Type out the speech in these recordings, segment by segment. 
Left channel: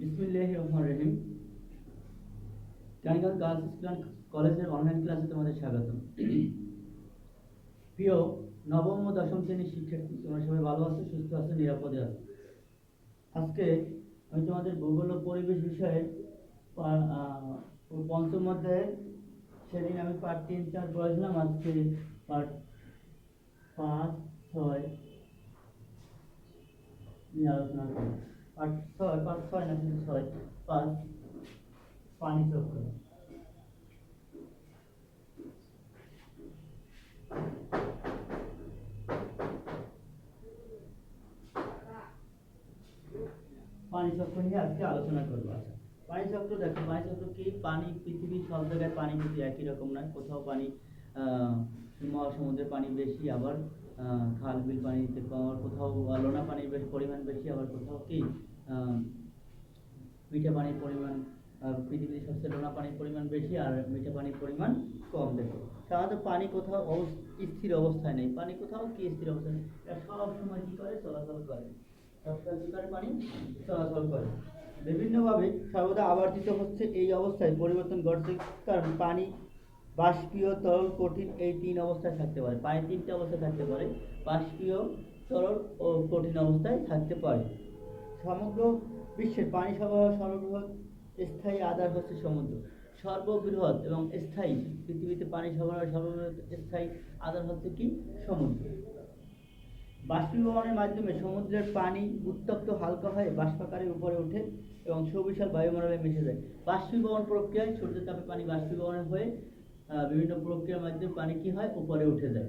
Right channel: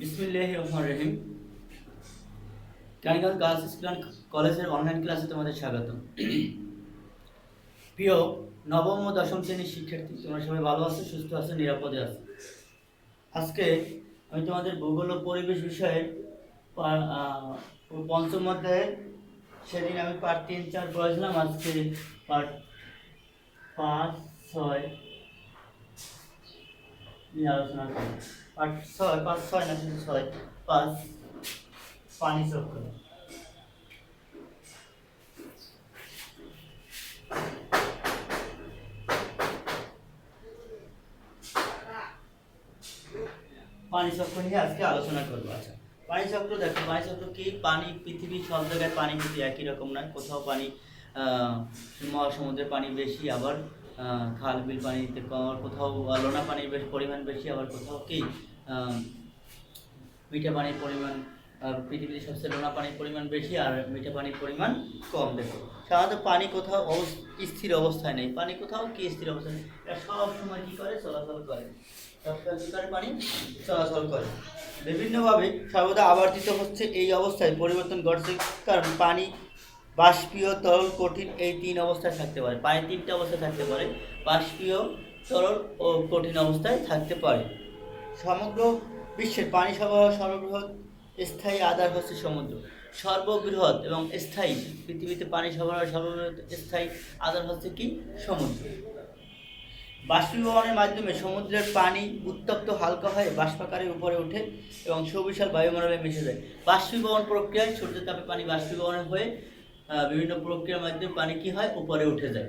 বিসমিল্লাহির রহমানির রহিম। Tiger girls school and কলেজের অনলাইন ক্লাসে তোমাদের স্বাগত। প্রিয় নবম ও দশম শ্রেণীর শিক্ষার্থী, তোমরা সবাই ভালো আছো, সুস্থ আছো, নিরাপদে আছো। আজকে আমি তোমাদের ভূগোল ও পরিবেশ বিষয়ের পঞ্চম অধ্যায়ের, সেদিন আমি পার্ট 3-4 পড়েছিলাম, আজকে পার্ট 5-6 নিয়ে আলোচনা করি। পার্ট 6, 5-6 না, শুধু 6, 5 পানি চক্র। পানি চক্র নিয়ে আজকে আলোচনা করবো। আচ্ছা, পানি চক্র দেখো, পানি চক্র কি? পানি, পৃথিবীর সব জায়গায় পানি কিন্তু একই রকম নয়। কোথাও পানি মহাসমুদ্রের পানি বেশি, আবার খাল বিল পানিতে কম, কোথাও লোনা পানির পরিমাণ বেশি, আবার কোথাও কি মিঠা পানির পরিমাণ, পৃথিবীতে সবচেয়ে লোনা পানির পরিমাণ বেশি আর মিঠা পানির পরিমাণ কম। দেখো, সাধারণত পানি কোথাও স্থির অবস্থায় নেই। পানি কোথাও কি স্থির অবস্থায় নেই, এটা সব সময় কি করে? চলাচল করে। পানি চলাচল করে বিভিন্নভাবে, সর্বদা আবর্তিত হচ্ছে। এই অবস্থায় পরিবর্তন ঘটছে, কারণ পানি বাষ্পীয়, তরল, কঠিন এই 3 অবস্থায় থাকতে পারে। পানি 3টা অবস্থায় থাকতে পারে: বাষ্পীয়, তরল ও কঠিন অবস্থায় থাকতে পারে। সমগ্র বিশ্বের পানি সরবরাহ সর্ববৃহৎ স্থায়ী আধার হচ্ছে সমুদ্র। সর্ববৃহৎ এবং স্থায়ী, পৃথিবীতে পানি সরবরাহ সর্ববৃহৎ স্থায়ী আধার হচ্ছে কি? সমুদ্র। বাষ্পীভবনের মাধ্যমে সমুদ্রের পানি উত্তপ্ত হালকা হয়ে বাষ্পাকারে উপরে ওঠে এবং সুবিশাল বায়ুমণ্ডলে মিশে যায়। বাষ্পীভবন প্রক্রিয়ায় সূর্যের তাপে পানি বাষ্পীভবন হয়ে বিভিন্ন প্রক্রিয়ার মাধ্যমে পানি কি হয়? উপরে উঠে যায়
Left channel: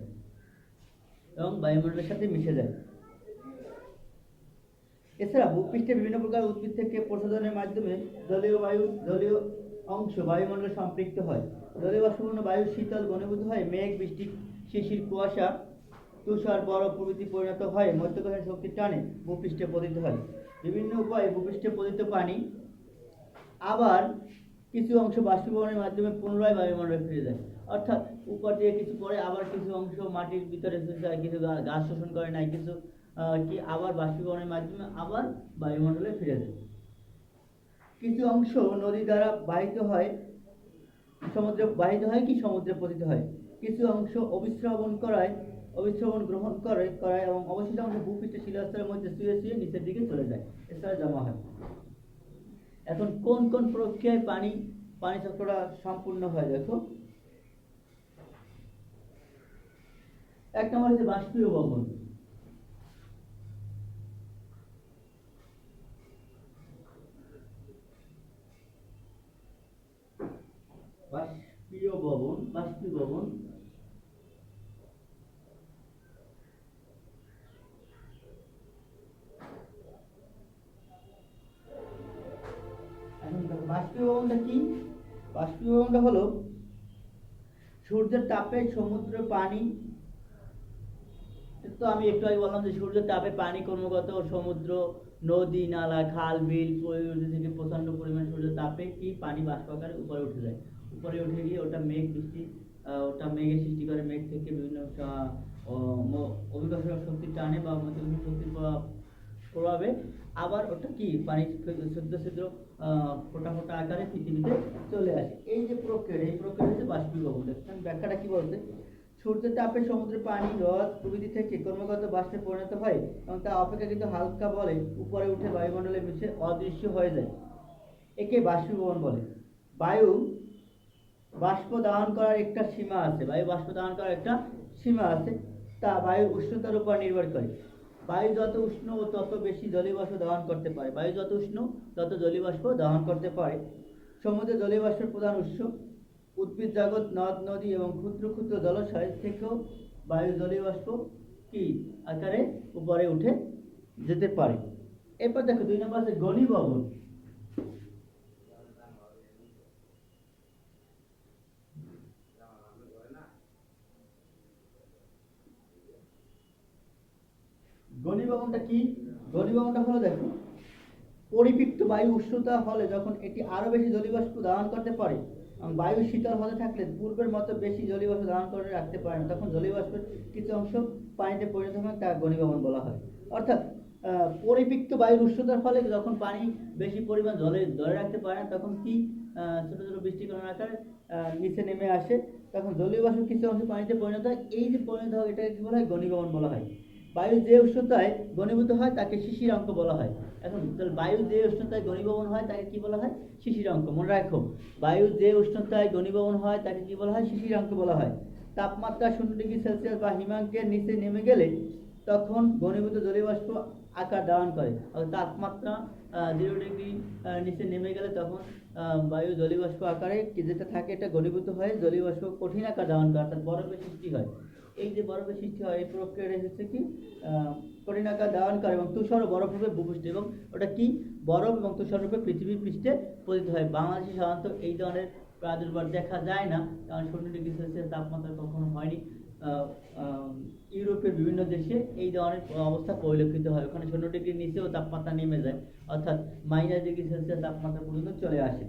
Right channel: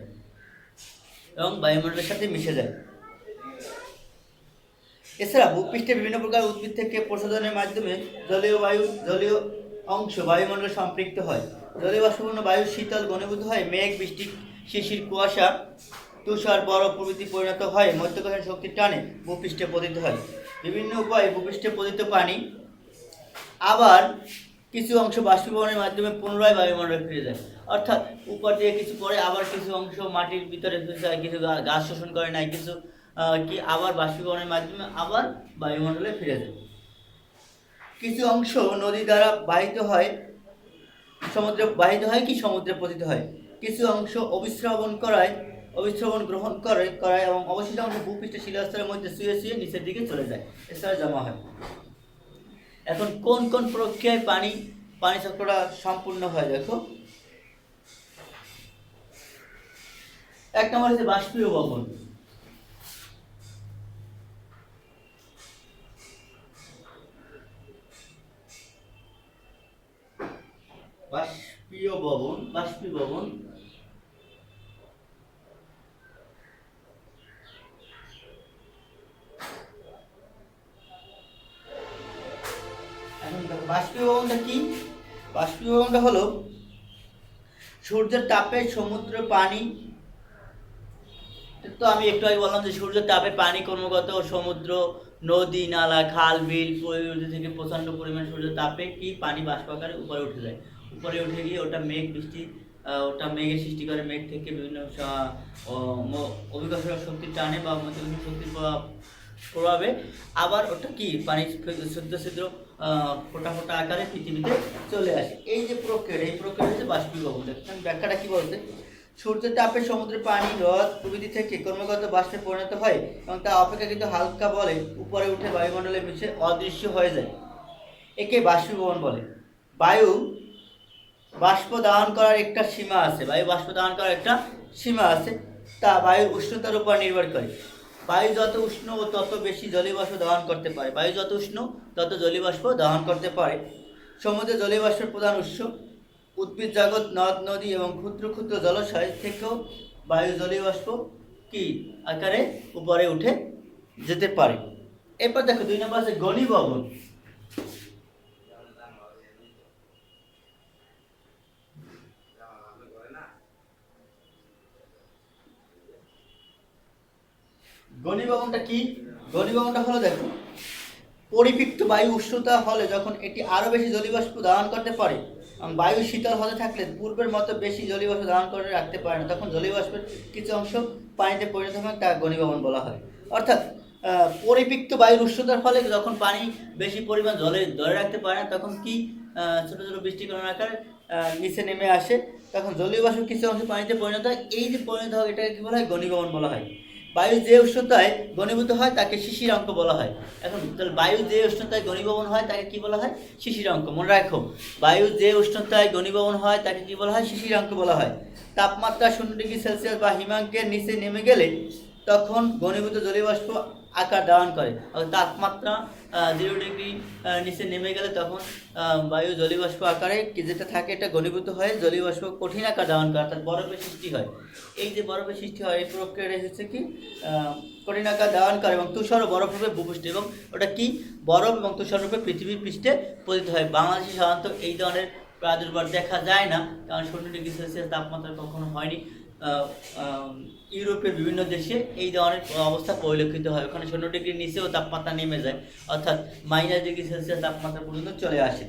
এবং বায়ুমণ্ডলের সাথে মিশে যায়। এছাড়া ভূপৃষ্ঠে বিভিন্ন প্রকার উদ্ভিদ থেকে প্রশোধনের মাধ্যমে জলীয় অংশ বায়ুমণ্ডলে সম্পৃক্ত হয়। জলীয় বাষ্পপূর্ণ বায়ু শীতল ঘনীভূত হয়, মেঘ, বৃষ্টি, শিশির, কুয়াশা, তুষার, বরফ প্রভৃতি পরিণত হয় মধ্যাকর্ষণ শক্তির টানে ভূপৃষ্ঠে পতিত হয়। বিভিন্ন উপায়ে ভূপৃষ্ঠে পতিত পানি আবার কিছু অংশ বাষ্পীভবনের মাধ্যমে পুনরায় বায়ুমণ্ডলে ফিরে যায়। অর্থাৎ উপর দিয়ে কিছু পরে, আবার কিছু অংশ মাটির ভিতরে যায়, কিছু গাছ শোষণ করে নাই, কিছু কি আবার বাষ্পীভবনের মাধ্যমে আবার বায়ুমণ্ডলে ফিরে যায়। কিছু অংশ নদী দ্বারা বাহিত হয়, সমুদ্রে বাহিত হয় কি সমুদ্রে পতিত হয়। কিছু অংশ অবিশ্রবণ গ্রহণ করায় এবং অবশিষ্ট অংশ ভূপৃষ্ঠের শিলাস্তরের মধ্যে শুয়ে নিচের দিকে চলে যায়, এছাড়া জমা হয়। এখন কোন কোন প্রক্রিয়ায় পানি চক্রটা সম্পূর্ণ হয়? দেখো, এক নম্বর হচ্ছে বাষ্পীভবন। বাষ্পীভবন এখন দেখো, বাষ্পীভবনটা কি? বাষ্পীভবনটা হলো সূর্যের তাপে সমুদ্র পানি, তো আমি একটু আগে বললাম যে সূর্যের তাপে পানি ক্রমাগত সমুদ্র, নদী, নালা, খাল, বিল থেকে প্রচণ্ড পরিমাণে সূর্যের তাপে কি পানি বাষ্পাকারে উপরে উঠে যায়। উপরে উঠে গিয়ে ওটা মেঘ, বৃষ্টি, ওটা মেঘের সৃষ্টি করে। মেঘ থেকে বিভিন্ন অভিকর্ষণ শক্তির টানে বা মধ্যাকর্ষণ শক্তির প্রভাবে আবার ওটা কি পানি ছিদ্র ছিদ্র ফোটা ফোটা আকারে পৃথিবীতে চলে আসে। এই যে প্রক্রিয়া, এই প্রক্রিয়া হচ্ছে বাষ্পীভবন। দেখেন ব্যাখ্যাটা কি বলতে: সূর্যের তাপে সমুদ্রের পানি, হ্রদ প্রভৃতি থেকে ক্রমাগত বাষ্পে পরিণত হয় এবং তা অপেক্ষাকৃত হালকা বলে উপরে উঠে বায়ুমণ্ডলে মিশে অদৃশ্য হয়ে যায়। একে বাষ্পীভবন বলে। বায়ু বাষ্প দাহন করার একটা সীমা আছে। তা বায়ুর উষ্ণতার উপর নির্ভর করে। বায়ু যত উষ্ণ ও তত বেশি জলীয় বাষ্প দহন করতে পারে। বায়ু যত উষ্ণ তত জলীয় বাষ্প দহন করতে পারে। সমুদ্রে জলীয় বাষ্পের প্রধান উৎস। উদ্ভিদ জগৎ, নদ নদী এবং ক্ষুদ্র ক্ষুদ্র জলাশয় থেকেও বায়ু জলীয় বাষ্প কি আকারে উপরে উঠে যেতে পারে। এরপর দেখো 2 নম্বর আছে ঘনীভবন। ঘনীভবনটা কি? ঘনীভবনটা হলো, দেখো, পরিপৃক্ত বায়ু উষ্ণতা হলে যখন এটি আরো বেশি জলীয়বাষ্প ধারণ করতে পারে এবং বায়ু শীতল হতে থাকলে পূর্বের মতো বেশি জলীয়বাষ্প ধারণ করে রাখতে পারে না, তখন জলীয়বাষ্পের কিছু অংশ পানিতে পরিণত হয়, তা ঘনীভবন বলা হয়। অর্থাৎ পরিপিক্ত বায়ুর উষ্ণতার ফলে যখন পানি বেশি পরিমাণ জলে ধরে রাখতে পারে না, তখন কি ছোটো ছোটো বৃষ্টিকণার আকারে নিচে নেমে আসে, তখন জলীয় বাষ্প কিছু অংশ পানিতে পরিণত হয়। এই যে পরিণত হয় এটাকে কী বলা হয়? ঘনীভবন বলা হয়। বায়ু যে উষ্ণতায় ঘনীভূত হয় তাকে শিশিরাঙ্ক বলা হয়। এখন তাহলে বায়ু যে উষ্ণতায় ঘনীভবন হয় তাকে কি বলা হয়? শিশিরাঙ্ক। মনে রাখো, বায়ু যে উষ্ণতায় ঘনীভবন হয় তাকে কি বলা হয়? শিশিরাঙ্ক বলা হয়। তাপমাত্রা 0°C বা হিমাঙ্কের নিচে নেমে গেলে তখন ঘনীভূত জলীয় বাষ্প আকার ধারণ করে। তাপমাত্রা 0° নিচে নেমে গেলে তখন বায়ু জলীয় বাষ্প আকারে যেটা থাকে এটা ঘনীভূত হয়ে জলীয় বাষ্প কঠিন আকার ধারণ করে, অর্থাৎ বরফের সৃষ্টি হয়। এই যে বরফের সৃষ্টি হয় এই প্রক্রিয়াটা হচ্ছে কি কঠিন আকার ধারণ করে এবং তুষার ও বরফ রূপে ভূপৃষ্ঠে, এবং ওটা কি বরফ এবং তুষার রূপে পৃথিবীর পৃষ্ঠে পতিত হয়। বাংলাদেশে সাধারণত এই ধরনের প্রাদুর্ভাব দেখা যায় না, কারণ 0°C তাপমাত্রা কখনো হয়নি। ইউরোপের বিভিন্ন দেশে এই ধরনের অবস্থা পরিলক্ষিত হয়, ওখানে 0°-র নিচেও তাপমাত্রা নেমে যায়, অর্থাৎ -°C তাপমাত্রা পর্যন্ত চলে আসে।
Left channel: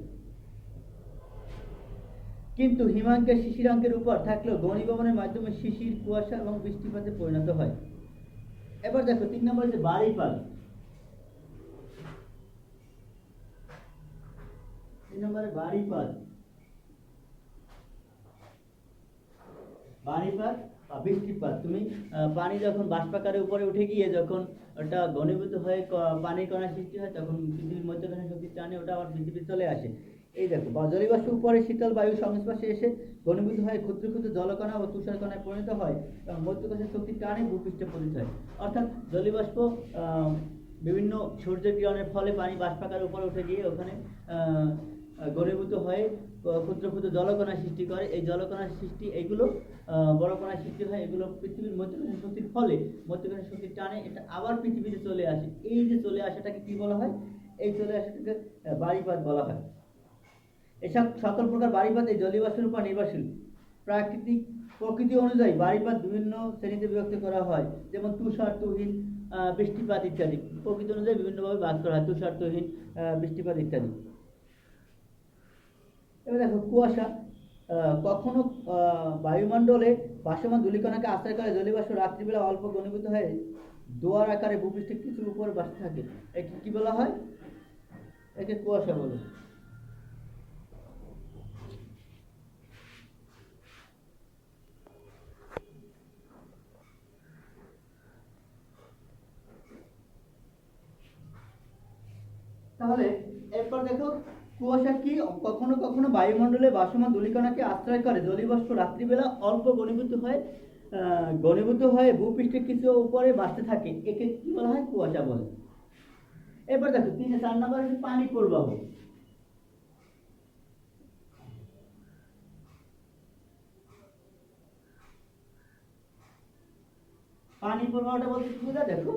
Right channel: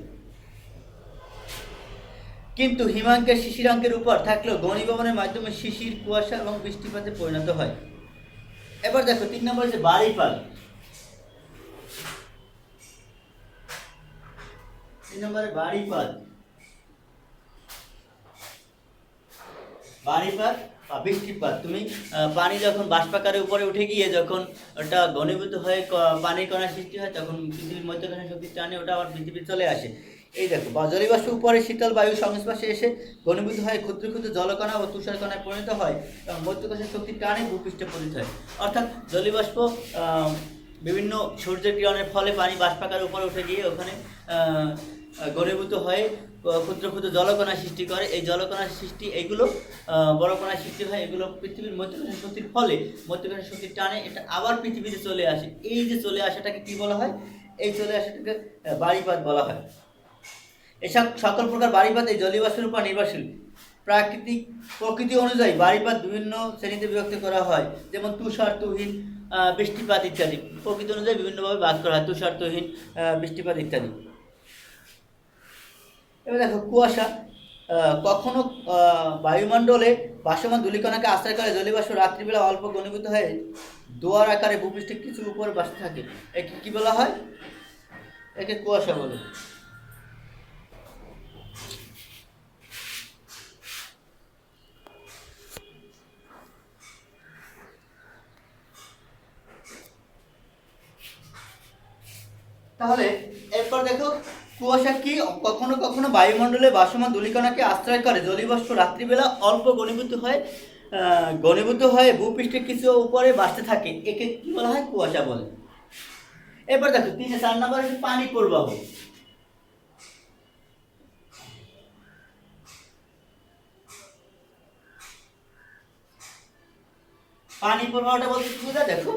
কিন্তু হিমাঙ্কের শিশিরাঙ্কের উপর থাকলেও ঘনীভবনের মাধ্যমে শিশির, কুয়াশা এবং বৃষ্টিপাতে পরিণত হয়। এবার দেখো 3 নম্বর যে বাড়িপাত। 3 নম্বরে বাড়িপাত। বাড়িপাত বা বৃষ্টিপাত। তুমি পানি যখন বাষ্পাকারে উপরে উঠে গিয়ে যখন ওটা ঘনীভূত হয়ে পানির কণা সৃষ্টি হয়, তখন পৃথিবীর মধ্যখানে শক্তির টানে ওটা আবার পৃথিবীতে চলে আসে। এই দেখো, জলীয় বাষ্প উপরে শীতল বায়ুর সংস্পর্শে এসে ঘনীভূত হয় ক্ষুদ্র ক্ষুদ্র জলকণা ও তুষার কণায় পরিণত হয় এবং মধ্যকাশের শক্তির টানে ভূপৃষ্ঠে পতিত হয়। অর্থাৎ জলীয় বাষ্প বিভিন্ন সূর্যের কিরণের ফলে পানি বাষ্পাকারে উপরে উঠে গিয়ে ওখানে ঘনীভূত হয়ে ক্ষুদ্র ক্ষুদ্র জলকণা সৃষ্টি করে। এই জলকণার সৃষ্টি এইগুলো বড় কণার সৃষ্টি হয়, এগুলো পৃথিবীর মধ্যকাশের শক্তির ফলে মধ্যকাশের শক্তির টানে এটা আবার পৃথিবীতে চলে আসে। এই যে চলে আসাটাকে কি বলা হয়? এই চলে আসাটাকে বাড়িপাত বলা হয়। এসব সকল প্রকার বাড়িপাত এই জলীয় বাষ্পের উপর নির্ভরশীল। প্রকৃতি অনুযায়ী বাড়িপাত বিভিন্ন শ্রেণীতে বিভক্ত করা হয়, যেমন তুষার, তুহিন, বৃষ্টিপাত ইত্যাদি। প্রকৃতি অনুযায়ী বিভিন্নভাবে ভাগ করা হয়, তুষার, তুহিন, বৃষ্টিপাত ইত্যাদি। এবার দেখো কুয়াশা। কখনো বায়ুমণ্ডলে ভাসমান ধূলিকণাকে আশ্রয় করে জলীয় বাষ্প রাত্রিবেলা অল্প ঘনীভূত হয়ে দোয়ার আকারে ভূপৃষ্ঠে কিছু উপরে ভাসতে থাকে। একে কি বলা হয়? একে কুয়াশা বলে। তাহলে এরপর দেখো কুয়াশা কি? কখনো কখনো বায়ুমণ্ডলে ভাসমান ধূলিকণাকে আশ্রয় করে জলীয় বাষ্প রাত্রিবেলা অল্প ঘনীভূত হয়ে ভূপৃষ্ঠে কিছু উপরে ভাসতে থাকে, একে কি বলা হয়? কুয়াশা বলে। এরপর দেখো 4 নম্বর হচ্ছে পানি প্রবাহ। পানি প্রবাহটা বলতে কি বোঝায়? দেখো,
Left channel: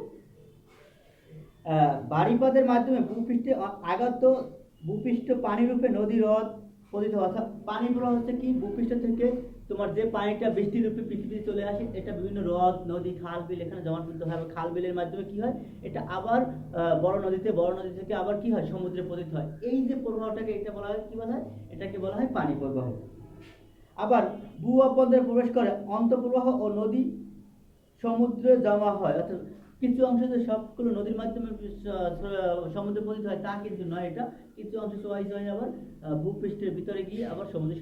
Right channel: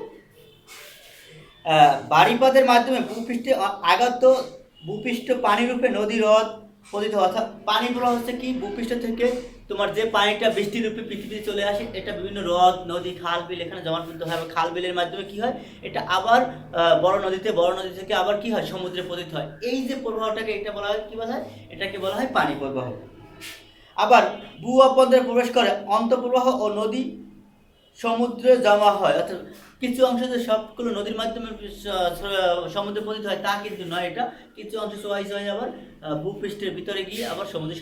বাড়িপাতের মাধ্যমে ভূপৃষ্ঠে আগত ভূপৃষ্ঠ পানিরূপে নদী, হ্রদ পতিত হয়। অর্থাৎ পানি প্রবাহ হচ্ছে কি? ভূপৃষ্ঠ থেকে তোমার যে পানিটা বৃষ্টির রূপে পৃথিবীতে চলে আসে, এটা বিভিন্ন হ্রদ, নদী, খাল, বিল এখানে জমাটবদ্ধ হয়। খাল, বিলের মাধ্যমে কি হয়? এটা আবার বড় নদী থেকে আবার কি হয়? সমুদ্রে পতিত হয়। এই যে প্রবাহটাকে এটা বলা হয় কি বলা হয়? এটাকে বলা হয় পানি প্রবাহ। আবার ভূ অভ্যন্তরে প্রবেশ করে অন্তঃপ্রবাহ ও নদী সমুদ্রে জমা হয়। অর্থাৎ কিছু অংশ যে সবগুলো নদীর মাধ্যমে সমুদ্রে পতিত হয় তা কিন্তু নয়, এটা কিছু অংশ চোয়াইচ হয়ে আবার ভূপৃষ্ঠের ভিতরে গিয়ে আবার সমুদ্রের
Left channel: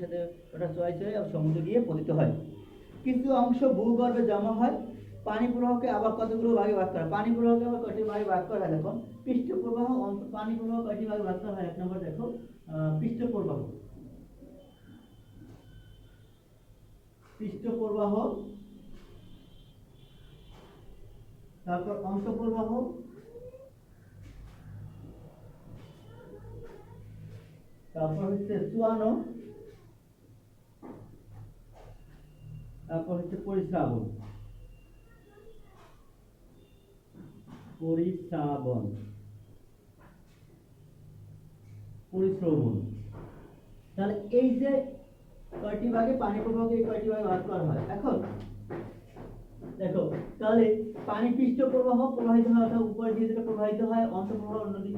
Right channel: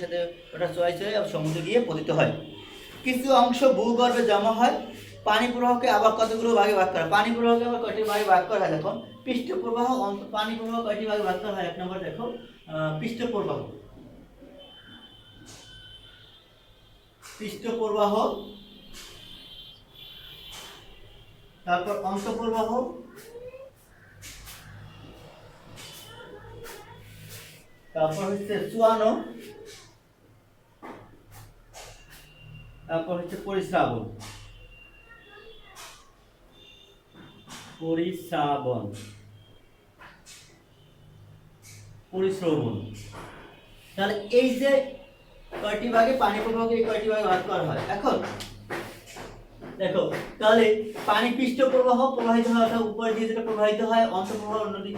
সাথে ওটা চোয়াইচ হয়ে আবার সমুদ্রে গিয়ে পতিত হয়। কিছু অংশ ভূগর্ভে জমা হয়। পানি প্রবাহকে আবার কতগুলো ভাগে ভাগ করা? পানি প্রবাহকে আবার কয়টি ভাগে ভাগ করা হয়? দেখো, পৃষ্ঠ প্রবাহ, পানি প্রবাহ কয়টি ভাগে ভাগ করা হয়? 1 নম্বর দেখো, পৃষ্ঠ প্রবাহ। তারপর অন্তঃপ্রবাহ, তারপর হচ্ছে চুয়ানো, তারপর হচ্ছে পরিস্রাবন। তাহলে এই যে কয়টি ভাগে পানি প্রবাহকে এই কয়টি ভাগে ভাগ করা হয়। এখন দেখো তাহলে পানি পৃষ্ঠ প্রবাহ প্রবাহিত হয় অর্থাৎ উপরে দিয়ে যেটা প্রবাহিত হয় অন্তঃপ্রবাহ, নদী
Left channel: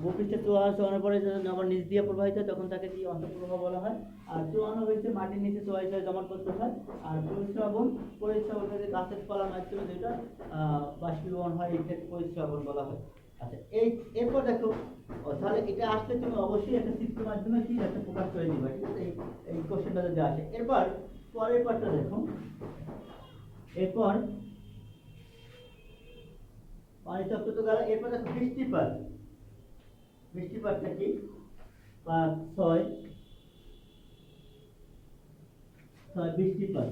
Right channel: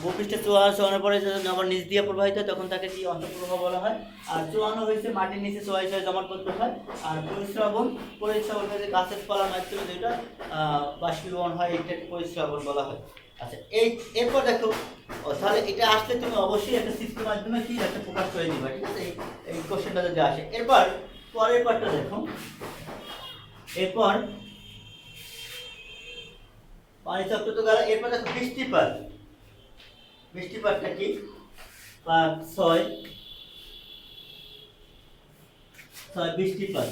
ভূপৃষ্ঠে চোয়ানোর পরে আবার নিচ দিয়ে প্রবাহিত হয় তখন তাকে কি অন্তঃপ্রবাহ বলা হয়। আর চোয়ানো হয়েছে মাটির নিচে চোয়াই ছয় জমাট করতে হয়। আর পরিশ্রাবণ হয়েছে গাছের পালার মাধ্যমে যেটা বাষ্পীভবন হয় এটাকে পরিশ্রাবণ বলা হয়। আচ্ছা এরপর দেখো তাহলে এটা আসলে তুমি অবশ্যই একটা সিস্টেমের মাধ্যমে কি একটা প্রকাশ করে দিবা, ঠিক আছে। এই কোশ্চেনটা যদি আসে এরপর পরের পার্টটা দেখো। এরপর পানি চক্র তো গেল, এরপর দেখো বৃষ্টিপাত। বৃষ্টিপাতটা কি? 6 বৃষ্টিপাত।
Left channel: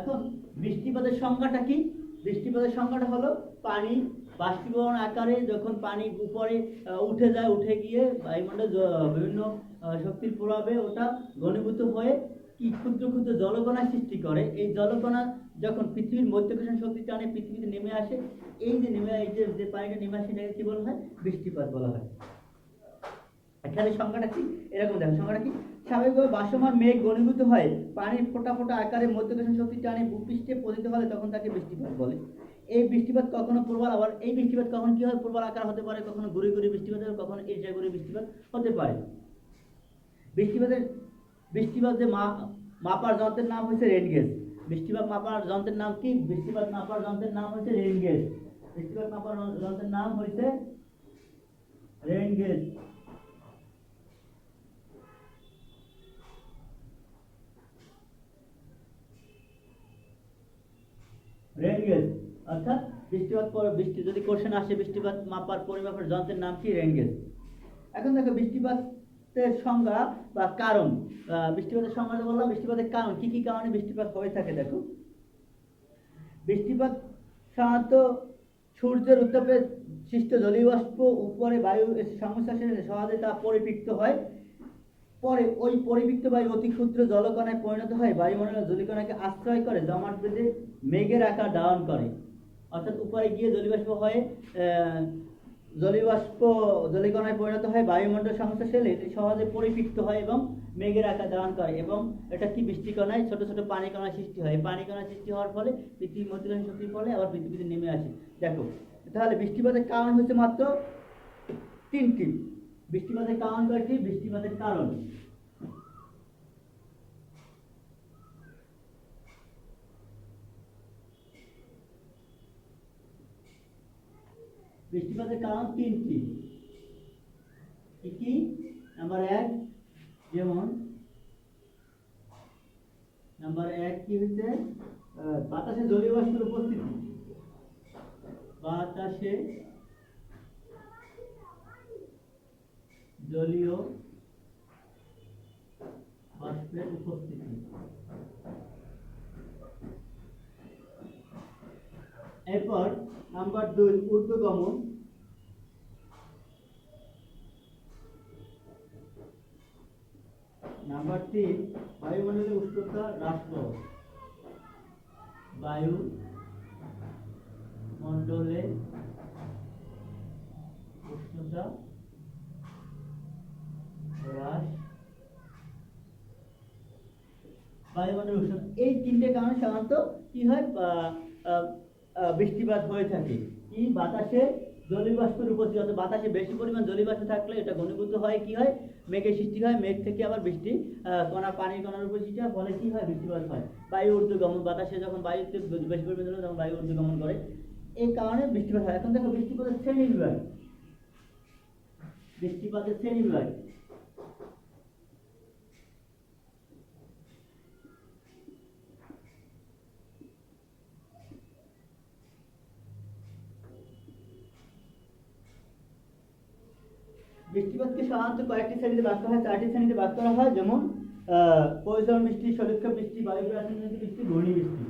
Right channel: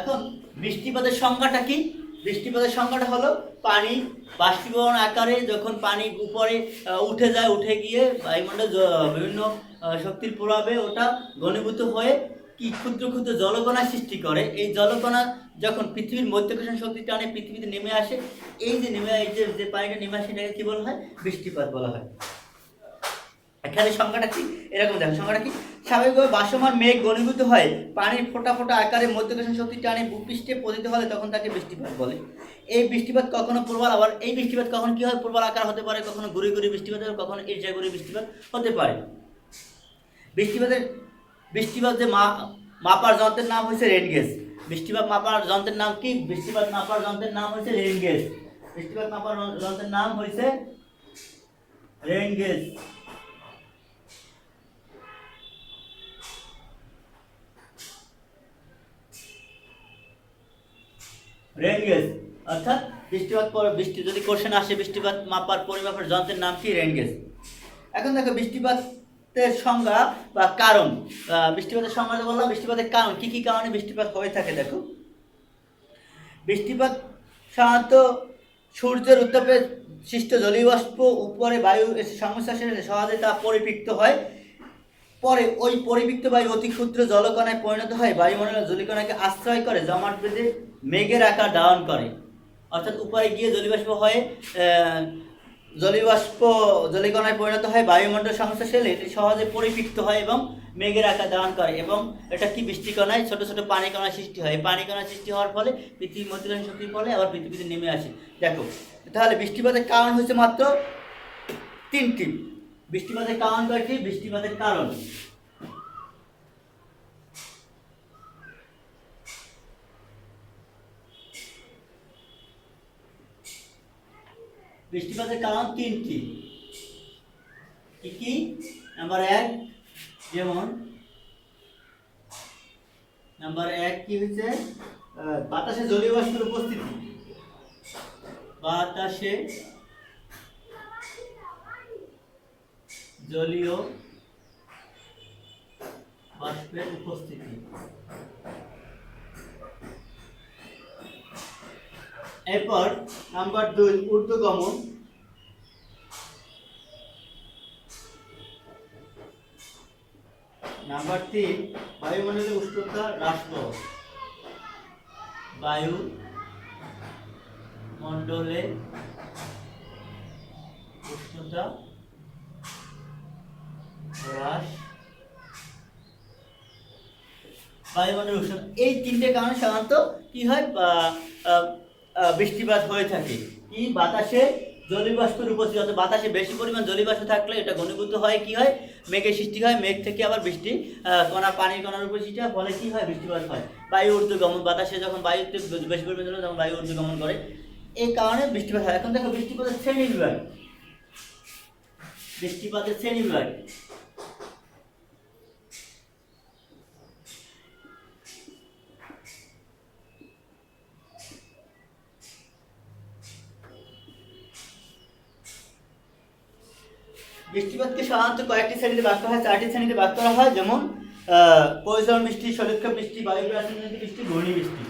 এখন বৃষ্টিপাতের সংজ্ঞাটা কি? বৃষ্টিপাতের সংজ্ঞাটা হলো পানি বাষ্পীভবন আকারে যখন পানি উপরে উঠে যায়, উঠে গিয়ে বায়ুমণ্ডল বিভিন্ন শক্তির প্রভাবে ওটা ঘনীভূত হয়ে কি ক্ষুদ্র ক্ষুদ্র জলকণা সৃষ্টি করে। এই জলকণা যখন পৃথিবীর মধ্যাকর্ষণ শক্তির টানে পৃথিবীতে নেমে আসে, এই যে যে পানিটা নেমে আসে এটাকে কি বলা হয়? বৃষ্টিপাত বলা হয়। এখানে সংখ্যাটা কি এরকম দেখো, সংখ্যাটা কি? স্বাভাবিকভাবে ভাসমান মেঘ ঘনীভূত হয় পানির ফোঁটা ফোঁটা আকারে মধ্যাকর্ষণ শক্তির টানে ভূপৃষ্ঠে পতিত হলে তখন তাকে বৃষ্টিপাত বলে। এই বৃষ্টিপাত কখনো প্রবল, আবার এই বৃষ্টিপাত কখন কি হয়? প্রবল আকার হতে পারে, কখনো গুড়ি গুড়ি বৃষ্টিপাত হবে, কখনো ঈর্ষাগুড়ি বৃষ্টিপাত হতে পারে। বৃষ্টিপাত যে মাপার যন্ত্রের নাম হয়েছে রেন গেজ। বৃষ্টিপাত মাপার যন্ত্রের নাম কি? বৃষ্টিপাত মাপার যন্ত্রের নাম হয়েছে রেন গেজ। বৃষ্টিপাত মাপার যন্ত্রের নাম হয়েছে রেন গেজ। রেন গেজ অর্থাৎ বৃষ্টিপাত বৃষ্টি যদি কোশ্চেন আসে বৃষ্টিপাত মাপার পরিমাপের যন্ত্রের নাম কি? Rain gauge. এখন দেখো বৃষ্টিপাতের সংজ্ঞা বা কারণ। বৃষ্টিপাতের সংজ্ঞা বললাম, বৃষ্টিপাতের কারণ কি কি কারণে বৃষ্টিপাত হয়ে থাকে দেখো। বৃষ্টিপাত সাধারণত সূর্যের উত্তাপে সৃষ্ট জলীয় বাষ্প উপরে বায়ু সংশ্লেষে সহজে তা পরিপৃক্ত হয়। পরে ওই পরিবৃক্ত বায়ু অতি ক্ষুদ্র জলকণায় পরিণত হয়, বায়ুমণ্ডলের জলীকণাকে আশ্রয় করে জমাট বেঁধে মেঘের আকার ধারণ করে। অর্থাৎ উপরে গিয়ে জলীয়বাষ্প হয়ে জলীকণায় পরিণত হয়, বায়ুমণ্ডল সংশ্লেষে এটি সহজে পরিপৃক্ত হয় এবং মেঘের আকার ধারণ করে। এবং এটা কি বৃষ্টিকণায় ছোট ছোট পানি কণা সৃষ্টি হয়। এই পানি কণা সৃষ্টি হওয়ার ফলে পৃথিবীর মধ্যকর্ষণ শক্তির ফলে আবার পৃথিবীতে নেমে আসে। দেখো তাহলে বৃষ্টিপাতের কারণ হচ্ছে মাত্র 3টি। বৃষ্টিপাতের কারণ কয়টি? বৃষ্টিপাতের কারণ বৃষ্টিপাতের কারণ 3টি। কি কি? নাম্বার 1 যেমন নাম্বার 1 কি হচ্ছে? বাতাসে জলীয় বাষ্পের উপস্থিতি। বাতাসে জলীয় বাষ্পের উপস্থিতি। এরপর নাম্বার 2 ঊর্ধ্বগমন। নাম্বার 3 বায়ুমণ্ডলের উষ্ণতা হ্রাস পাওয়া। বায়ুমণ্ডলে উষ্ণতা হ্রাস, বায়ুমণ্ডলের উষ্ণতা, এই 3টে কারণে সাধারণত কি হয়? বৃষ্টিপাত হয়ে থাকে। কি? বাতাসে জলীয় বাষ্পের উপস্থিতি, অর্থাৎ বাতাসে বেশি পরিমাণ জলীয় বাষ্প থাকলে এটা ঘনীভূত হয়, কি হয়? মেঘের সৃষ্টি হয়, মেঘ থেকে আবার বৃষ্টি কণা পানির কণার উপর সৃষ্টি হয়, ফলে কি হয়? বৃষ্টিপাত হয়। বায়ু ঊর্ধ্বগমন, বাতাসে যখন বায়ুতে বেশি পরিমাণ জল তখন বায়ু ঊর্ধ্বগমন করে, এই কারণে বৃষ্টিপাত হয়। এখন দেখো বৃষ্টিপাতের শ্রেণীবিভাগ। বৃষ্টিপাতের শ্রেণীবিভাগ বৃষ্টিপাতকে সাধারণত কয়েকটি শ্রেণীতে ভাগ করা হয়, 4টি শ্রেণীতে ভাগ করা হয়। যেমন পরিচলন বৃষ্টি, সলক্ষেপ বৃষ্টি, বায়ু প্রাসঙ্গিক বৃষ্টি, ঘূর্ণি বৃষ্টি।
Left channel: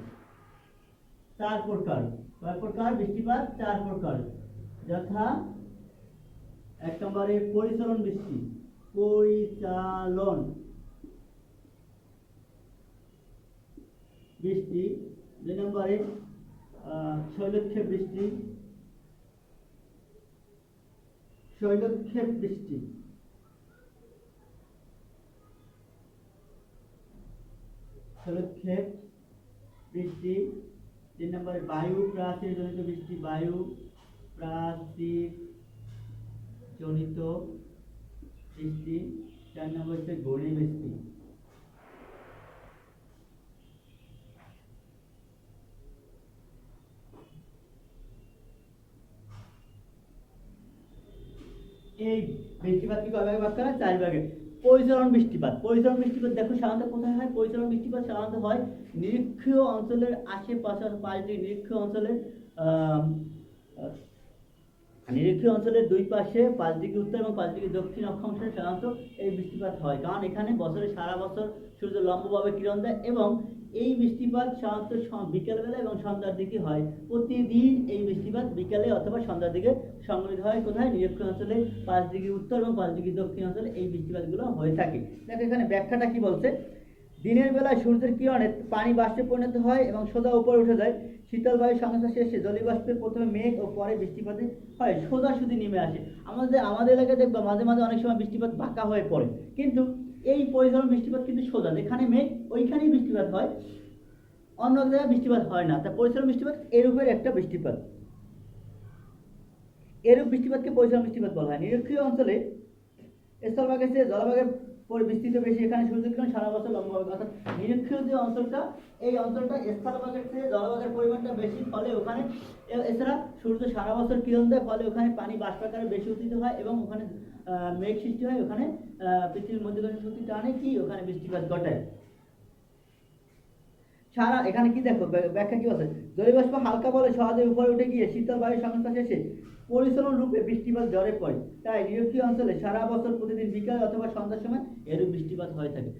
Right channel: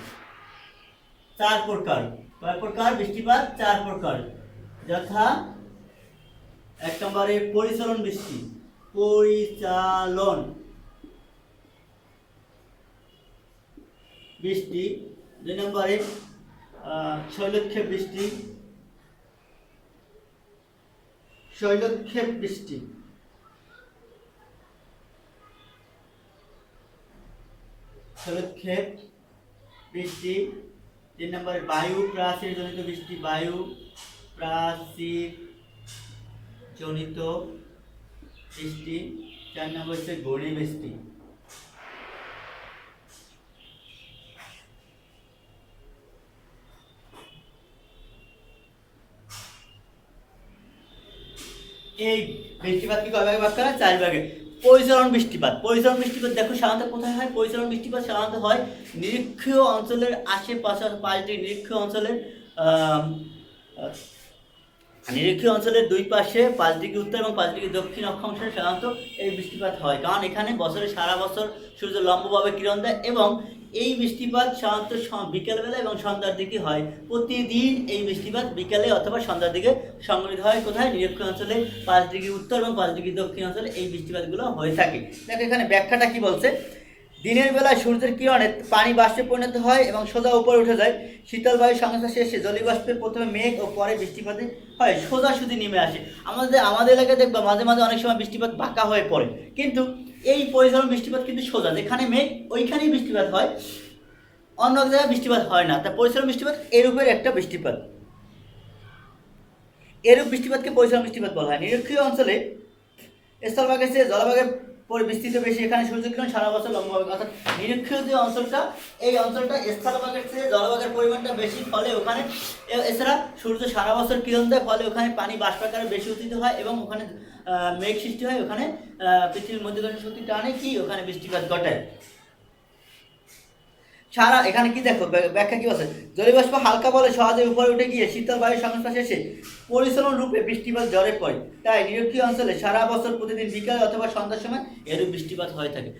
4 প্রকার। কয় প্রকার? বৃষ্টিপাত 4 প্রকার। যথা 1 নম্বরে পরিচলন বৃষ্টি। পরিচালন বৃষ্টি। 2 নম্বরে শৈলক্ষেপ বৃষ্টি। শৈলক্ষেপ বৃষ্টি। শৈলক্ষেপ বৃষ্টি। 3 নম্বরে বায়ু প্রাচীর জনিত বৃষ্টি, বায়ু প্রাচীর জনিত বৃষ্টি। 4 নম্বর হচ্ছে ঘূর্ণি বৃষ্টি। এই বৃষ্টিপাতকে কয় ভাগে ভাগ করা? 4 ভাগে। পরিচালন বৃষ্টিপাত। পরিচালন বৃষ্টিপাত দেখো সাধারণত কোথায় হয়? পরিচালন বৃষ্টিপাত সাধারণত হয় নিরক্ষীয় অঞ্চলের আশেপাশে, 5টি নিরক্ষীয় অঞ্চলের নিরক্ষীয় অঞ্চলের 2 পাশে 5 ডিগ্রি উত্তর এবং 5 ডিগ্রি দক্ষিণ অক্ষাংশে সাধারণত এই বৃষ্টিপাত হয়, কারণ এখানে বছরে সারা বছর সূর্য লম্বভাবে কিরণ দেয় এবং এই বৃষ্টিপাত সাধারণত বিকেলবেলা এবং সন্ধ্যার দিকে হয়। প্রতিদিন এই বৃষ্টিপাত বিকেলে অথবা সন্ধ্যার দিকে সংঘটিত হয়। কোথায়? নিরক্ষীয় অঞ্চলে 5 ডিগ্রি উত্তর এবং 5 ডিগ্রি দক্ষিণ অঞ্চলে এই বৃষ্টিপাতগুলো হয়ে থাকে। দেখো এখানে ব্যাখ্যাটা কি বলছে। দিনের বেলায় সূর্যের কিরণে পানি বাষ্পে পরিণত হয় এবং সোজা উপরে উঠে যায়। শীতল বায়ুর সংস্পর্শে শেষে জলীয় বাষ্পে প্রথমে মেঘ ও পরে বৃষ্টিপাত হয়, সোজাসুজি নেমে আসে। আমাদের এলাকায় দেখবা মাঝে মাঝে অনেক সময় বৃষ্টিপাত বাঁকা হয়ে পড়ে, কিন্তু এই পরিচালন বৃষ্টিপাত কিন্তু সোজা, যেখানে মেঘ ওইখানেই বৃষ্টিপাত হয়, অন্য এক জায়গায় বৃষ্টিপাত হয় না। তা পরিচালন বৃষ্টিপাত এরূপের একটা বৃষ্টিপাত। এরূপ বৃষ্টিপাতকে পরিচালন বৃষ্টিপাত বলা হয়। নিরক্ষীয় অঞ্চলে স্থলভাগের চেয়ে জলভাগের বিস্তৃত বেশি, এখানে সূর্যকিরণ সারা বছর লম্বভাবে, অর্থাৎ নিরক্ষীয় যে অঞ্চলটা, এই অঞ্চলটা স্থলভাগের চেয়ে জলভাগের পরিমাণটা বেশি, ফলে ওখানে এছাড়া সূর্য সারা বছর কিরণ দেয়, ফলে ওখানে পানি বাষ্পাকারে বেশি উত্থিত হয় এবং ওখানে মেঘ সৃষ্টি হয়। ওখানে পৃথিবীর মধ্যকর্ষণ শক্তি টানে কি ওখানে বৃষ্টিপাত ঘটায়। সারা এখানে কি দেখো ব্যাখ্যা কি বলছে, জলীয় বাষ্প হালকা বলে সহজে উপরে উঠে গিয়ে শীতল বায়ুর সংস্পর্শে এসে পরিচালন রূপে বৃষ্টিপাত ঝরে পড়ে। তাই নিরক্ষীয় অঞ্চলে সারা বছর প্রতিদিন বিকাল অথবা সন্ধ্যার সময় এরূপ বৃষ্টিপাত হয়ে থাকে।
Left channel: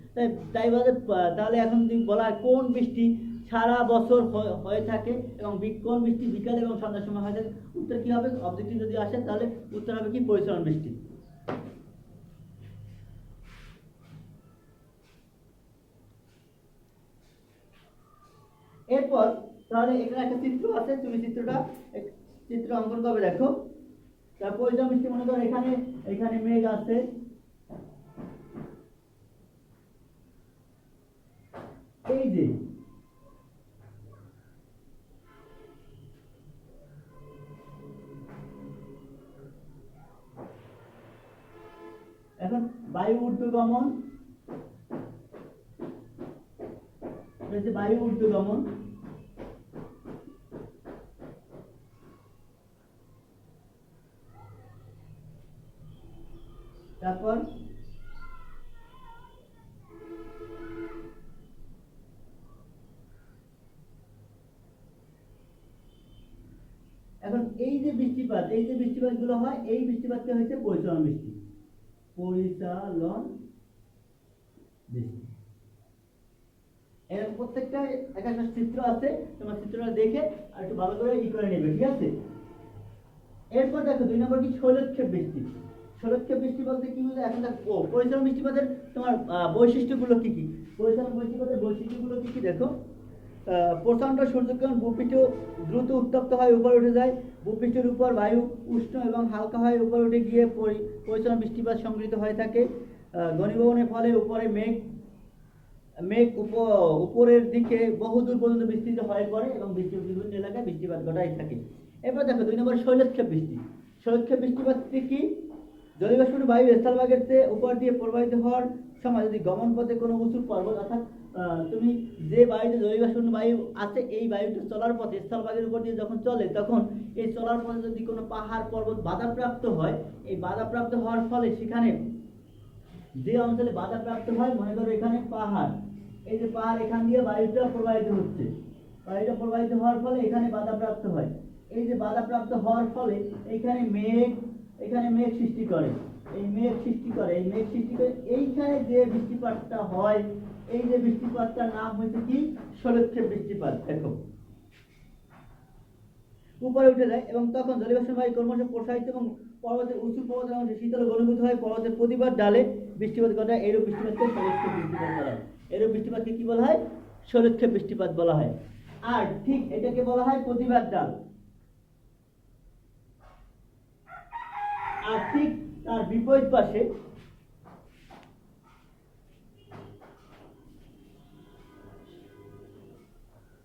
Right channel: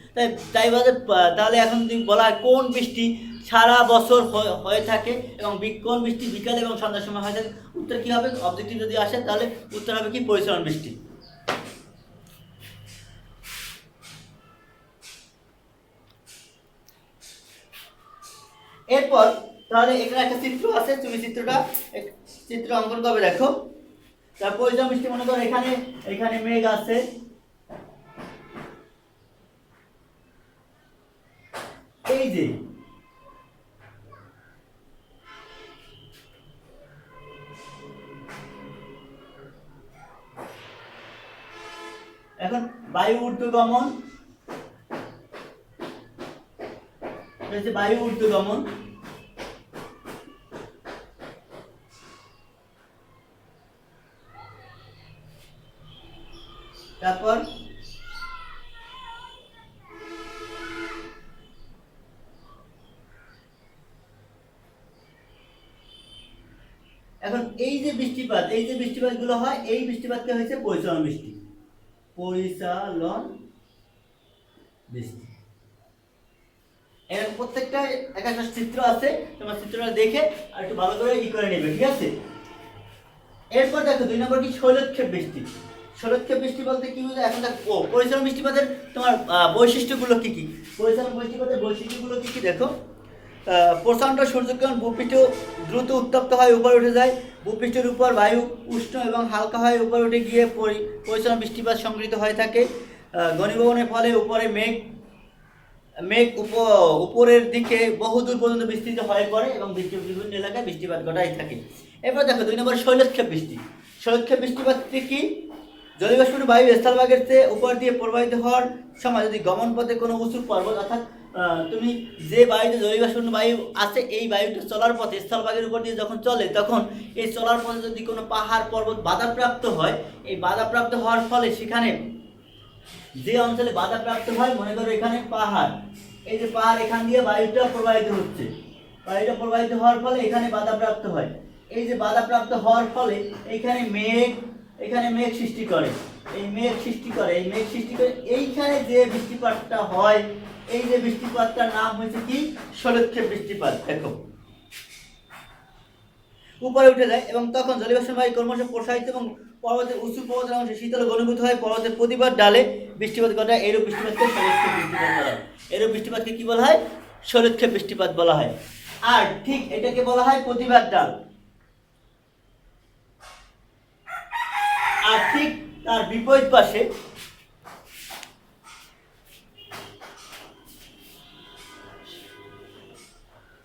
তাহলে এখন যদি বলা হয় কোন বৃষ্টি সারা বছর হয়ে থাকে এবং কোন বৃষ্টি বিকাল এবং সন্ধ্যার সময় হয়ে থাকে, উত্তর কি হবে? অবজেক্টিভ যদি আসে তাহলে উত্তর হবে কি? পরিচালন বৃষ্টি। এরপর তাহলে এখানে একটা চিত্র আছে, তুমি চিত্র অঙ্কন করবে। দেখো তার পরিচালন বৃষ্টি, মনে করো এখানে মেঘ আছে, এই যে এখন বায়ু ঊর্ধ্বগমন, বায়ু ঊর্ধ্বগমন, তারপর এখন এই যে বৃষ্টিপাতগুলো হয়, এই বৃষ্টিপাতকে হয়েছে পরিচালন বৃষ্টি। পরিচালন বৃষ্টি। এর প্রত্যেকটা একটা চিত্র আছে, তোমার চিত্রটা দেখে আর একটু ভালো করে করে নেবে, ঠিক আছে? এরপর দেখো 2 নম্বর কি? শৈলক্ষেপ বৃষ্টি। শৈলক্ষেপ বৃষ্টি বলতে কি বোঝায়? এখন দেখো পরিচালন বৃষ্টিপাতের তোমার বৈশিষ্ট্যগুলো কি কি? পরিচালন বৃষ্টিপাতের বৈশিষ্ট্যগুলো কি কি দেখো। প্রচণ্ড সূর্যকিরণ ভূপৃষ্ঠ দ্রুত উত্তপ্ত হয়, উপরে উঠে যায়। ভূপৃষ্ঠের উপর বায়ু উষ্ণ এবং হালকা হয়, উপরে উঠে গিয়ে পরিচালন বৃষ্টিপাত সংঘটিত হয়ে থাকে। ঘনীভবনের ফলে উপরে মেঘ উপরের দিকে বহুদূর পর্যন্ত বিস্তৃত হয়ে পড়ে এবং বিভিন্ন এলাকায় বৃষ্টিপাত ঘটাই থাকে। এরপর দেখো 2 নম্বর শৈলক্ষেপ বৃষ্টি। শৈলক্ষেপ বৃষ্টিপাতটি কি? জলীয়বাষ্প বায়ু স্থলভাগের চেয়ে উপর দিয়ে প্রবাহিত হওয়ার সময় যদি গমন পথে কোনো উঁচু পর্বত, অর্থাৎ তুমি যে বায়ুতে জলীয়বাষ্প বায়ু আছে, এই বায়ুটা চলার পথে স্থলভাগের উপর দিয়ে যখন চলে, তখন এই চলার পথে যদি কোনো পাহাড় পর্বত বাধাপ্রাপ্ত হয়, এই বাধাপ্রাপ্ত হওয়ার ফলে সেখানে যে অঞ্চলে বাধাপ্রাপ্ত হয়, মনে করো এখানে পাহাড়, এই যে পাহাড়, এখান দিয়ে বায়ুটা প্রবাহিত হচ্ছে, বায়ুটা প্রবাহিত হওয়ার ফলে এখানে বাধাপ্রাপ্ত হয়। এই যে বাধাপ্রাপ্ত হওয়ার ফলে এখানে মেঘ সৃষ্টি করে, এই মেঘ সৃষ্টি করে এইখানে যে বৃষ্টিপাতটা হয়, এই যে বৃষ্টিপাতটার নাম হয়েছে কি? শৈলক্ষেপ বৃষ্টিপাত। দেখো উপরে উঠে যায় এবং তখন জলীয়বাষ্প বায়ু ক্রমশ প্রসারিত এবং পর্বতের উঁচু পর্বতের অংশে শীতল ঘনীভূত হয়, পর্বতের প্রতিবার ডালে বৃষ্টিপাত ঘটায়। এরূপ বৃষ্টিপাতকে শৈলক্ষেপ বৃষ্টিপাত বলা হয়। এরূপ বৃষ্টিপাতকে কি বলা হয়? শৈলক্ষেপ বৃষ্টিপাত বলা হয়। আর ঠিক এটাকে বলা হয় প্রতিবার ডাল। আর ঠিক তার বিপরীত পাশে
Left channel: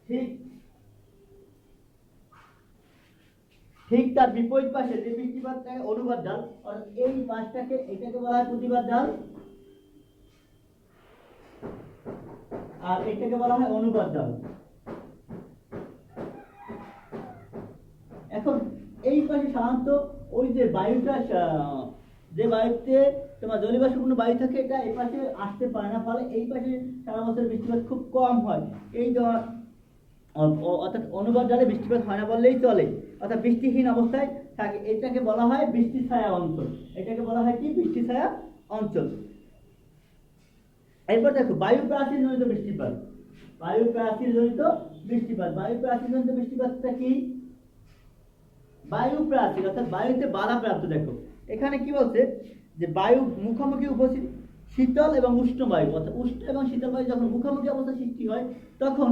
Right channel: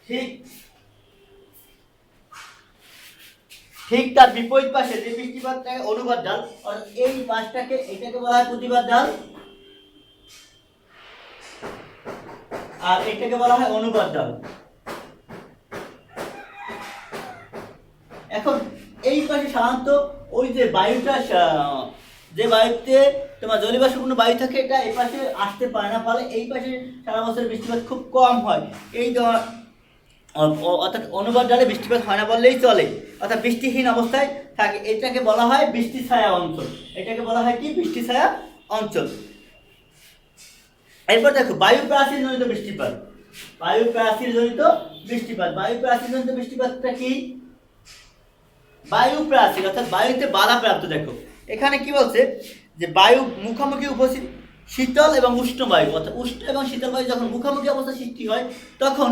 ঠিক ঠিক তার বিপরীত পাশে যে বৃষ্টিপাতটাকে অনুবাদ ঢাল, অর্থাৎ এই পাশটাকে এটাকে বলা হয় প্রতিবাদ ঢাল, আর এটাকে বলা হয় অনুবাদ ঢাল। এখন এই পাশে সাধারণত ওই যে বায়ুটা, যে বায়ুতে তোমার জলীয়বাষ্পপূর্ণ বায়ু থাকে, এটা এই পাশে আসতে পারে না, ফলে এই পাশে সারা বছর বৃষ্টিপাত খুব কম হয়। এই অর্থাৎ অনুবাদ ঢালে বৃষ্টিপাত হয় না বললেই চলে, অর্থাৎ বৃষ্টিহীন অবস্থায় থাকে। এটাকে বলা হয় বৃষ্টি ছায়া অঞ্চল। এটাকে বলা হয় কি? বৃষ্টি ছায়া অঞ্চল। এরপর দেখো বায়ু প্রাচীর জনিত বৃষ্টিপাত। বায়ু প্রাচীর জনিত বৃষ্টিপাত, বায়ু প্রাচীর জনিত বৃষ্টিপাতটা কি? বায়ু প্রাচীর অর্থাৎ বায়ুতে বাধাপ্রাপ্ত। দেখো এখানে কি বলছে যে বায়ু মুখোমুখি উপস্থিত শীতল এবং উষ্ণ বায়ু, অর্থাৎ উষ্ণ এবং শীতল বায়ু যখন মুখোমুখি অবস্থা সৃষ্টি হয়, তখন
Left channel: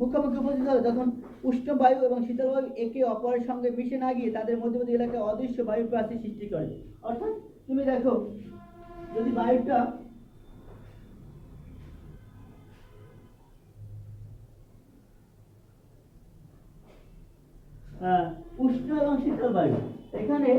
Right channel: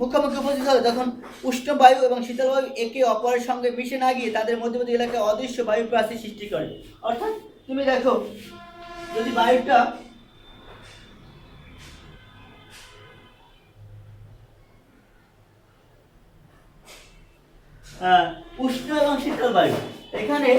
মুখোমুখি উপস্থিত হয়, তখন উষ্ণ বায়ু এবং শীতল বায়ু একে অপরের সঙ্গে মিশে না গিয়ে তাদের মধ্যবর্তী এলাকায় অদৃশ্য বায়ু প্রাচীর সৃষ্টি করে। অর্থাৎ তুমি দেখো যদি বায়ুটা উষ্ণ এবং শীতল বায়ু, এখানে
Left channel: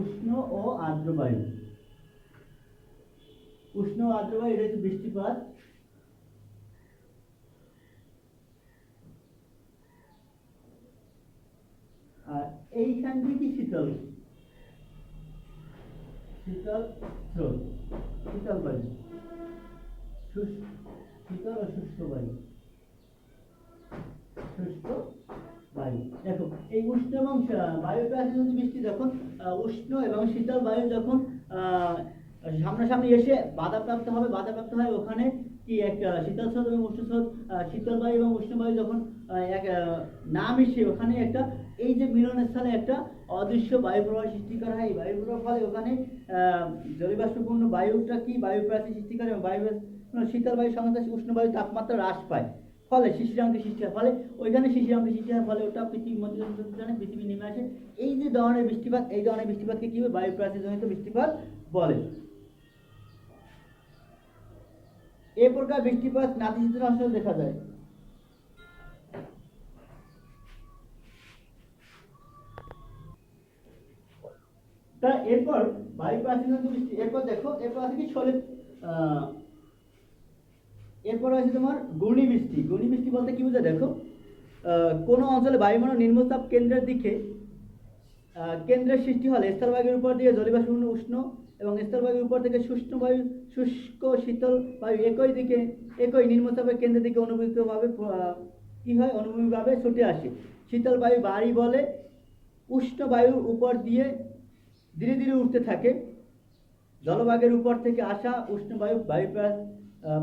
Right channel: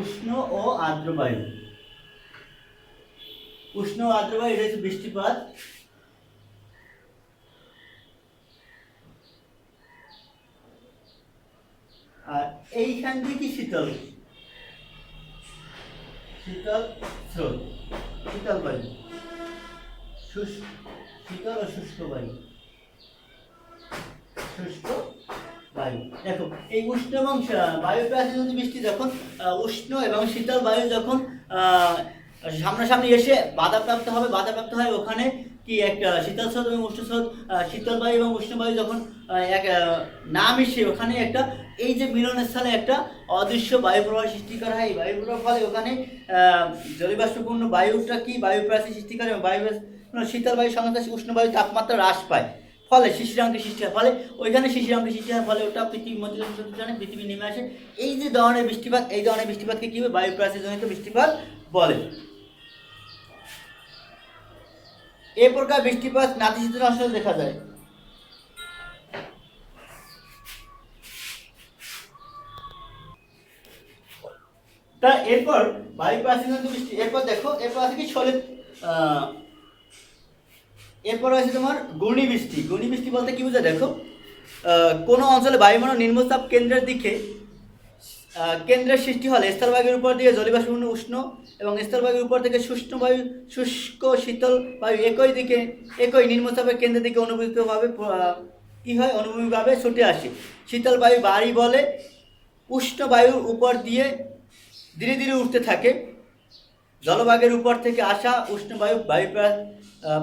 উষ্ণ ও আর্দ্র বায়ু, উষ্ণ ও আর্দ্র বায়ু, এটা হচ্ছে বৃষ্টিপাত। আর এইখান থেকে শীতল, শীতল স্রোত, শীতল বায়ু, শীতল ও শুষ্ক বায়ু, শুষ্ক বায়ু। দেখো এই উষ্ণ এবং বায়ু প্রাচীর যদি বৃষ্টি যখন উষ্ণ এবং শীতল বায়ু যখন সামনাসামনি এসে বাধাপ্রাপ্ত হবে, বাধাপ্রাপ্ত হয়, ওখানে কি একটা শীতল স্রোত এবং উষ্ণ স্রোত, শীতল বায়ু এবং উষ্ণ বায়ু যখন এক না মিশে ওখানে একটা এই যে মিলনের স্থলে একটা অদৃশ্য বায়ু প্রবাহ সৃষ্টি করা হয়। এই বায়ু প্রবাহ ফলে ওখানে জলীয়বাষ্পপূর্ণ বায়ুটা কি বায়ু প্রাচীর সৃষ্টি করে, বায়ু শীতল বায়ুর সঙ্গে উষ্ণ বায়ুর তাপমাত্রা হ্রাস পায়, ফলে শিশিরাঙ্কের সৃষ্টি হয়, ফলে ওইখানে শিশিরাঙ্কের সৃষ্টি হয়, ফলে ওটা পৃথিবীর মধ্যে পৃথিবী নেমে আসে। এই যে ধরনের বৃষ্টিপাত, এই ধরনের বৃষ্টিপাতকে কি বলে? বায়ু প্রাচীর জনিত বৃষ্টিপাত বলে। এ প্রকার বৃষ্টিপাত নাতিশীতোষ্ণ অঞ্চলে দেখা যায়। তা এরপর বায়ু প্রাচীর জনিত বৃষ্টি, এরপর দেখো এরপর আছে কি এরপর আছে তোমার ঘূর্ণি বৃষ্টি। ঘূর্ণি বৃষ্টি বলতে কি বোঝায়? দেখো কোনো অঞ্চলে বায়ুমণ্ডল নিম্নচাপ কেন্দ্রের দিকে কেন্দ্রের সৃষ্টি হলে স্থলভাগের উপর দিয়ে জলীয়বাষ্পপূর্ণ উষ্ণ এবং স্থলভাগের উপর থেকে শুষ্ণ বায়ু, শুষ্ক শীতল বায়ু একই নিম্নচাপের কেন্দ্রের দিকে অনুভূতভাবে কী হয়? অনুভূমিকভাবে ছুটে আসে। শীতল বায়ু বাড়ি বলে উষ্ণ বায়ুর উপর দিয়ে ধীরে ধীরে উঠতে থাকে। জলভাগের উপর থেকে আসা উষ্ণ বায়ু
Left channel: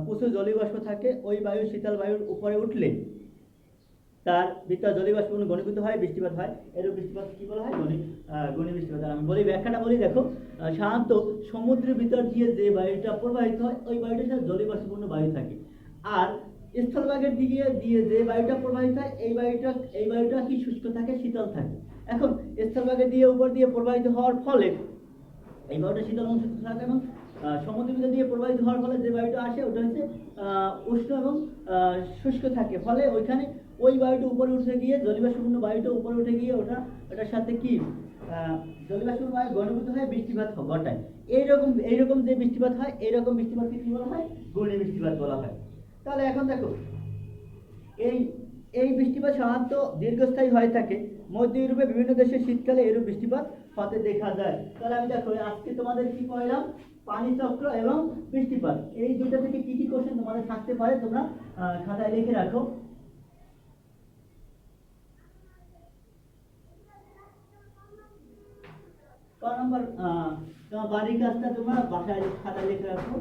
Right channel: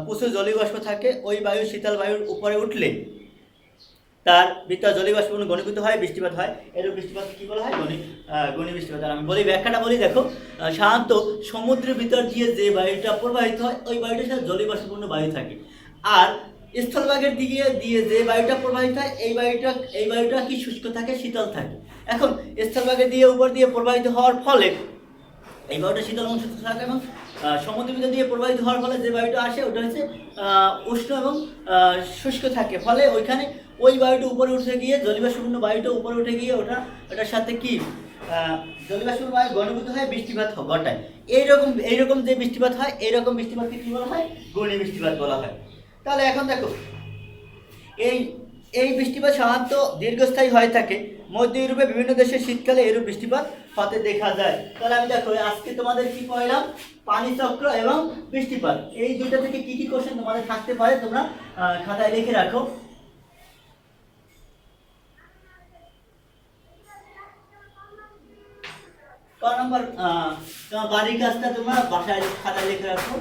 প্রচুর জলীয়বাষ্প থাকে, ওই বায়ু শীতল বায়ুর উপরে উঠলে তার ভিতর জলীয়বাষ্পপূর্ণ ঘনীভূত হয়, বৃষ্টিপাত হয়। এরূপ বৃষ্টিপাত কি বলা হয়? ঘূর্ণি বৃষ্টিপাত। আমি বলি ব্যাখ্যাটা বলি। দেখো সাধারণত সমুদ্রের ভিতর দিয়ে যে বায়ুটা প্রবাহিত হয়, ওই বায়ুটার সাথে জলীয়বাষ্পপূর্ণ বায়ু থাকে। আর স্থলভাগের দিকে দিয়ে যে বায়ুটা প্রবাহিত হয়, এই বায়ুটা কি শুষ্ক থাকে, শীতল থাকে। এখন স্থলভাগের দিয়ে উপর দিয়ে প্রবাহিত হওয়ার ফলে এই বায়ুটা শীতল এবং শুষ্ক থাকে, এবং সমুদ্রের ভিতর দিয়ে প্রবাহিত হওয়ার ফলে যে বায়ুটা আসে ওটা হচ্ছে উষ্ণ এবং শুষ্ক থাকে। ফলে ওইখানে ওই বায়ুটা উপরে উঠে গিয়ে জলীয়বাষ্পপূর্ণ বায়ুটা উপরে উঠে গিয়ে ওটার সাথে কি জলীয়বাষ্পপূর্ণ বায়ু ঘনীভূত হয়ে বৃষ্টিপাত ঘটায়। এইরকম যে বৃষ্টিপাত হয়, এইরকম বৃষ্টিপাতকে কী বলা হয়? ঘূর্ণি বৃষ্টিপাত বলা হয়। তাহলে এখন দেখো এই বৃষ্টিপাত সাধারণত দীর্ঘস্থায়ী হয়ে থাকে। মধ্য ইউরোপে বিভিন্ন দেশে শীতকালে এরূপ বৃষ্টিপাত হতে দেখা যায়। তাহলে আমি দেখো আজকে তোমাদের কি পড়ালাম, পানি চক্র এবং বৃষ্টিপাত। এই দুইটা থেকে কি কি কোশ্চেন তোমাদের থাকতে পারে তোমরা খাতায় লিখে রাখো। ক নম্বর তোমার বাড়ির কাজটা তোমরা বাসায় খাতায় লিখে রাখো।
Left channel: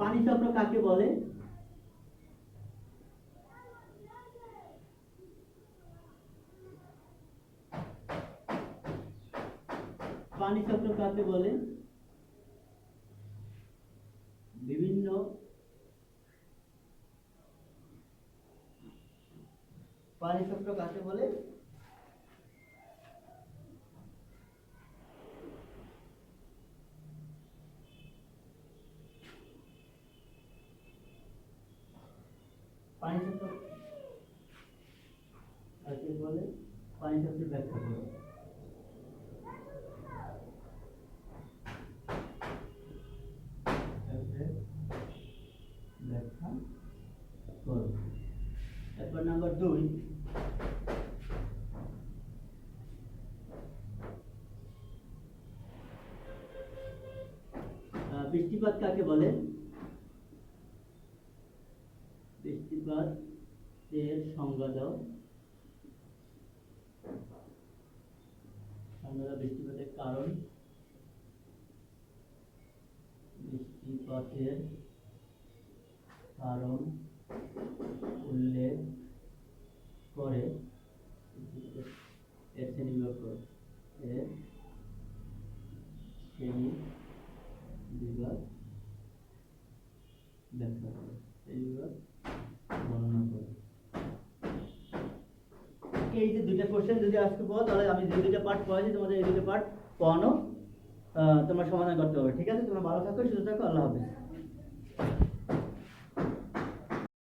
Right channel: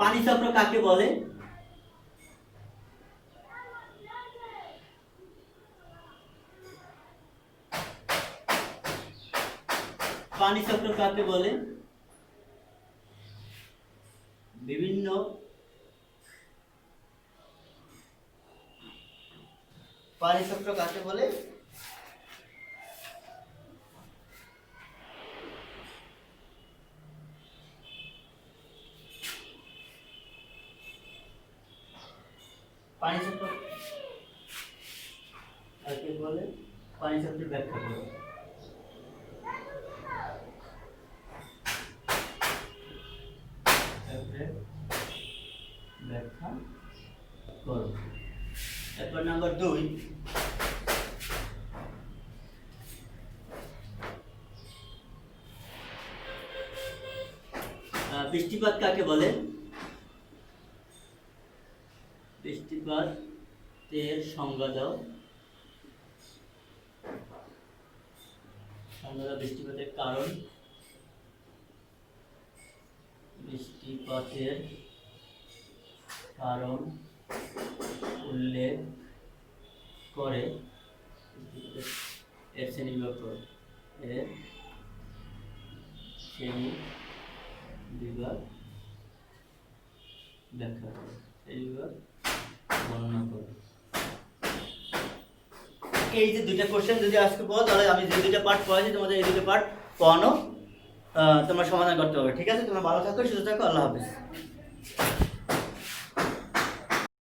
পানি চক্র কাকে বলে? পানি চক্র কাকে বলে? বিভিন্ন পানি চক্র কাকে বলে? পানি চক্র কাকে বলে? পানি চক্রের ব্যাখ্যা করো। ব্যাখ্যা করো। এরপর নাম্বার 2, বৃষ্টিপাত কাকে বলে? বৃষ্টিপাতের সংজ্ঞা দাও। বৃষ্টিপাতের কারণ, বৃষ্টিপাতের কারণ উল্লেখ করে এর শ্রেণীবিভাগ করো। এর শ্রেণীবিভাগ ব্যাখ্যা করো। শ্রেণীবিভাগ বর্ণনা করো। এই যে দুইটা কোশ্চেন যদি আজকে পড়ো তাহলে আমি যে দুইটা পার্ট পড়াইছি তোমাদের এই দুটো পার্ট পড়ানো তোমরা সমাধান করতে হবে। ঠিক আছে, তোমরা ভালো থাকো, সুস্থ থাকো, আল্লাহ হাফেজ।